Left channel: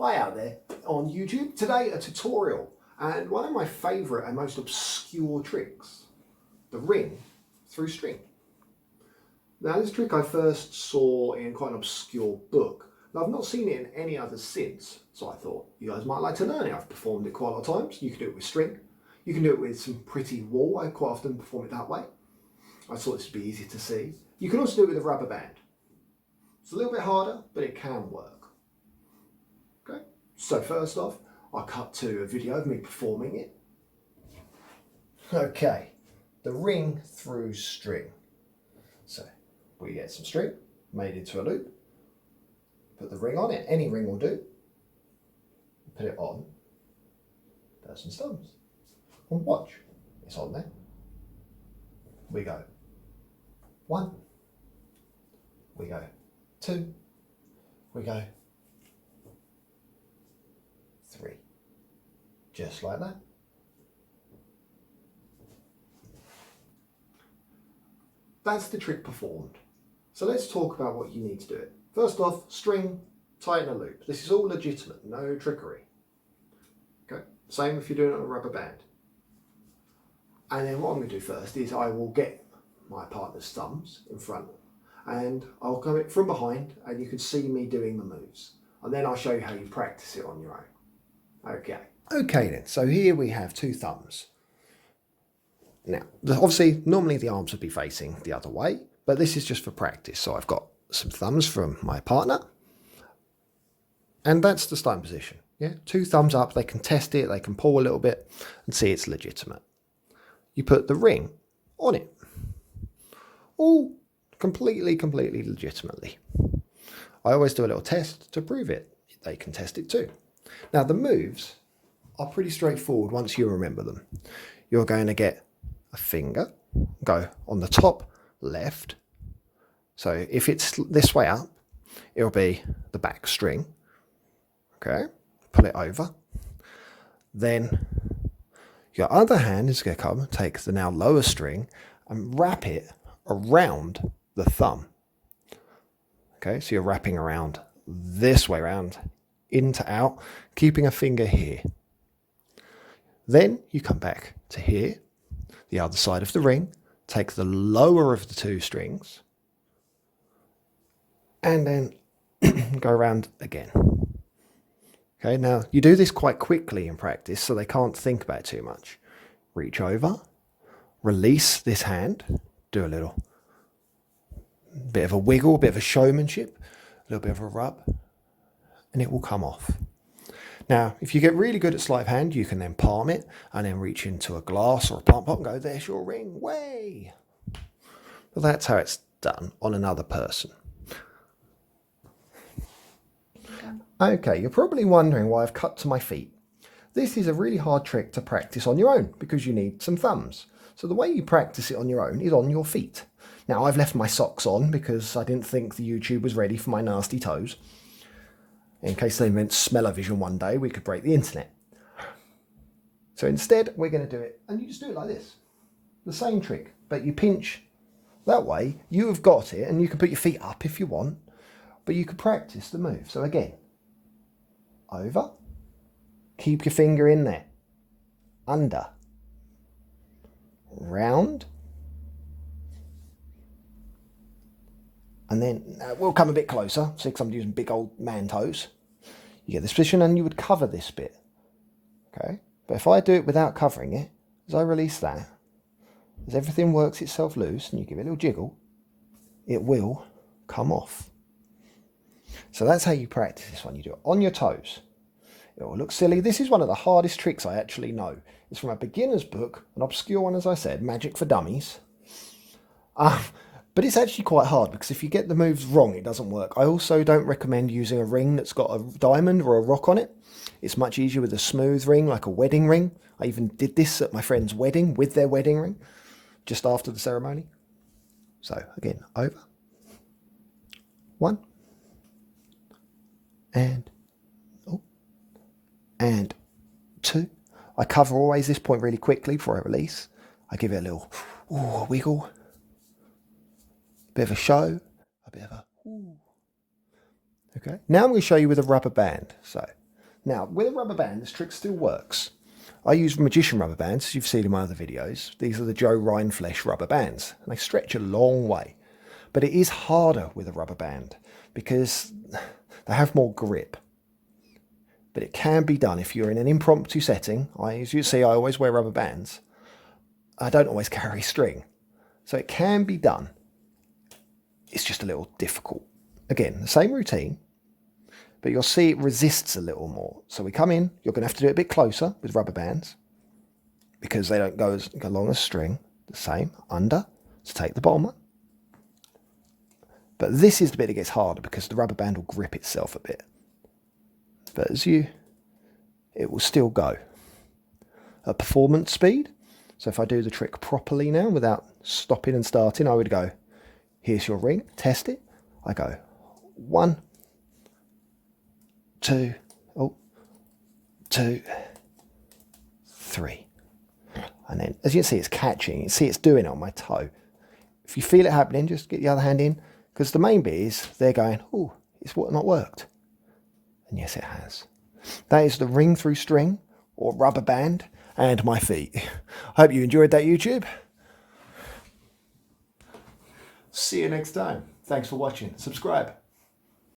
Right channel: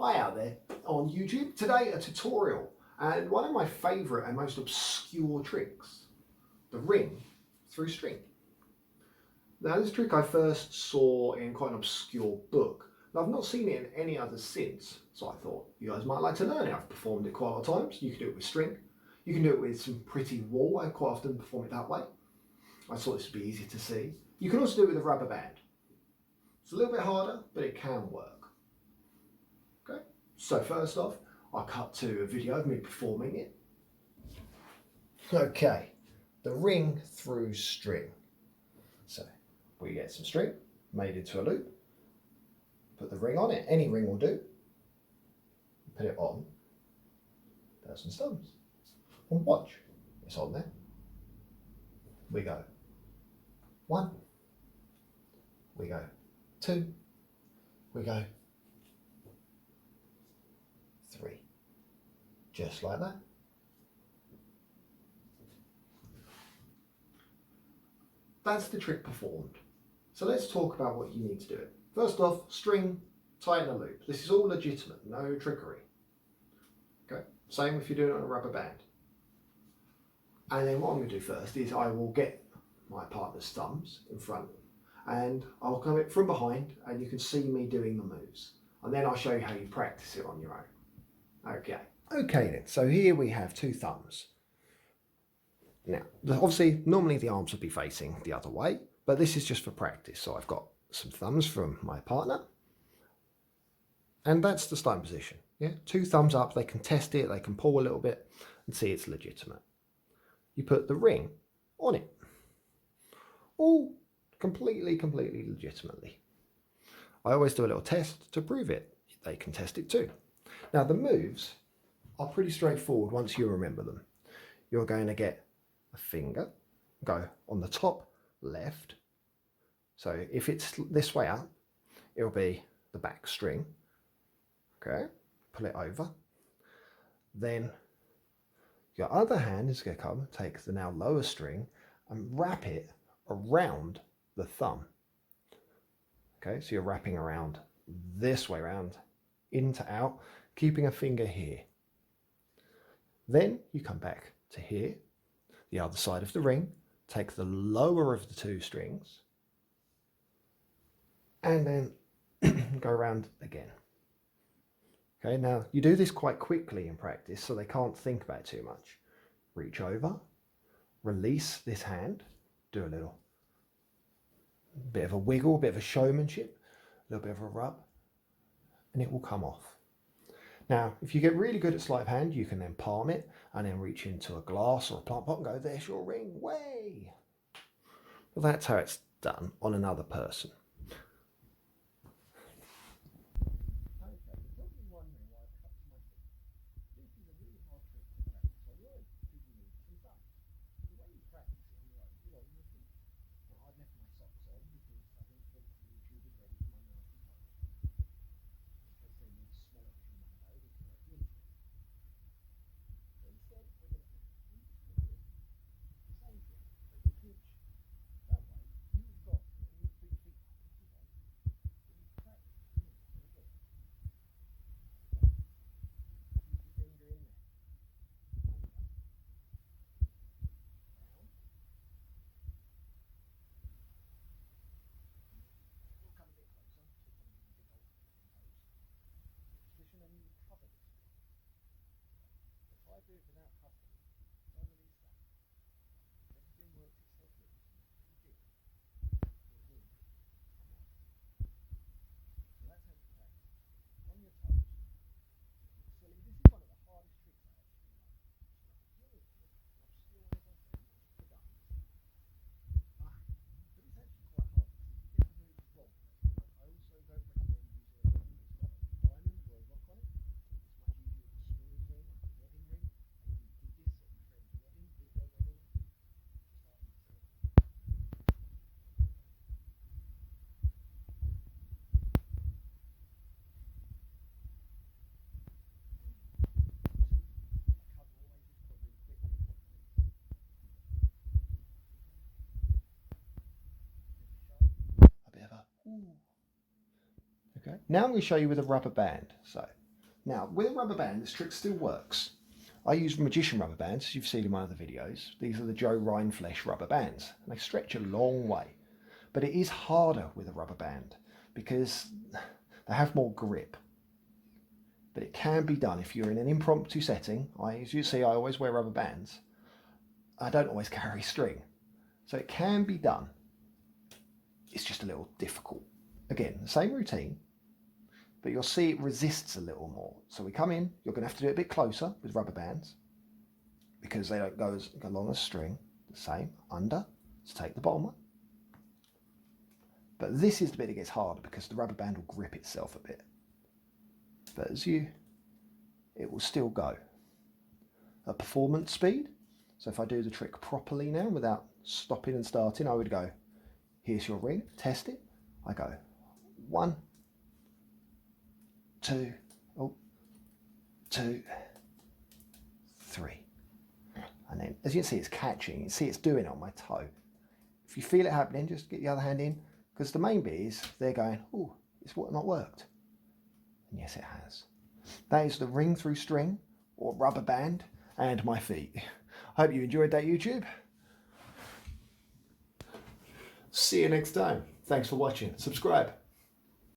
Hi out there on YouTube. Today a tutorial and one of my favourite and most obscure tricks, the ring through string. Now this trick I first saw in quite an obscure book. Now I've not seen it in any others since, so I thought you guys might like to learn it. I've performed it quite a lot of times. You can do it with string. You can do it with some pretty wool. I quite often perform it that way. I thought this would be easy to see. You can also do it with a rubber band. It's a little bit harder, but it can work. Okay, so first off, I'll cut to a video of me performing it. Okay, the ring through string. So we get some string made into a loop, put the ring on it, any ring will do, put it on, there's some thumbs, and watch, it's on there. We go 1, we go 2, we go 3, just like that. That's the trick performed. So let's talk about what you need to do it. First off, string, tighten a loop. This is all legitimate, no trickery. Okay, same if you're doing it on a rubber band. And then what I'm going to do first is I will get my partner's thumbs in front and I'll come it from behind and you can see me doing the moves. And then I'll show you how you practice it on your own. Okay then, so here we have 2 thumbs. Now, obviously, normally the arms would be facing the other way, but this is just for practice. So I've got some thumbs from my partner, and that's the starting position. Yeah, 2 thumbs up, they can test it, they can pull a little bit and see it's legitimate. You put the ring on it, all completely legitimately. I always do a little test to prove it. They can test it too. Now the moves are pretty straightforward once you remember them. You're going to get a finger, go on the top left. So if it's this way up, it'll be the back string. Okay, pull it over. Then your other hand is going to come, take the now lower string and wrap it around the thumb. Okay, so you're wrapping around this way around, in to out, keeping a finger here. Then you come back to here, the other side of the ring, take the lower of the 2 strings, and then go around again. Okay, now you do this quite quickly in practice, so they can't think about it too much. Reach over, release this hand, do a little bit of a wiggle, a bit of a showmanship, a little bit of a rub, and it will come off. Now, if you get really good at sleight of hand, you can then palm it and then reach into a glass or a plant pot and go, there's your ring, way. Well, that's how it's done on another person. Okay, you're probably wondering why I've cut to my feet. This is a really hard trick to practice on your own because you need some thumbs. So the way you practice it on your own is on your feet. Now, I've left my socks on because I didn't think the YouTube was ready for my nasty toes. In case they meant smell-o-vision one day, we could break the internet. So instead, we're going to do it, and you just do it like this. The same trick, but you pinch that way. You have got it, and you can put your feet up if you want, but you can practice the move. So again, over, keep your finger in there, under, round, and then we'll come a bit closer, see, because I'm using big old man toes. You get this position and you would cover this bit. Okay, but if I do it without covering it, as I release that, as everything works itself loose and you give it a little jiggle, it will come off. So that's how you practice this one. You do it on your toes. It will look silly. This is one of the hardest tricks I actually know. It's from a beginner's book, an obscure one, as I said, Magic for Dummies. But it's actually quite hard because if you get the moves wrong, it doesn't work. I also don't recommend using a ring that's got a diamond or a rock on it. It's much easier with a smooth ring, like a wedding ring. I even did this at my friend's wedding with their wedding ring, just after the ceremony. So again, over. 1. And 2. I cover always this point really quickly before I release. I give it a little wiggle. Bit of a show, a bit of a ooh. Okay, now I'm going to show you with a rubber band. So Now, with a rubber band, this trick still works. I use magician rubber bands, as you've seen in my other videos. These are the Joe Rindfleisch rubber bands, and they stretch a long way. But it is harder with a rubber band because they have more grip. But it can be done if you're in an impromptu setting. As you see, I always wear rubber bands. I don't always carry string. So it can be done. It's just a little difficult. Again, the same routine, but you'll see it resists a little more. So we come in, you're going to have to do it a bit closer with rubber bands because they don't go as long as string. The same, under, so take the bottom one. But this is the bit that gets harder because the rubber band will grip itself a bit. But it will still go. At performance speed, so if I do the trick properly now without stopping and starting, I would go, here's your ring, test it. I go 1, 2, 2, 3. And then, as you can see, it's catching. You can see it's doing it on my toe. If you feel it happening, just get the other hand in. Because the main bit is they're going, oh, it's not worked. And yes, it has. That is the ring through string or rubber band and my feet. I hope you enjoyed that, YouTube. See you next time. Thanks for watching. Subscribe.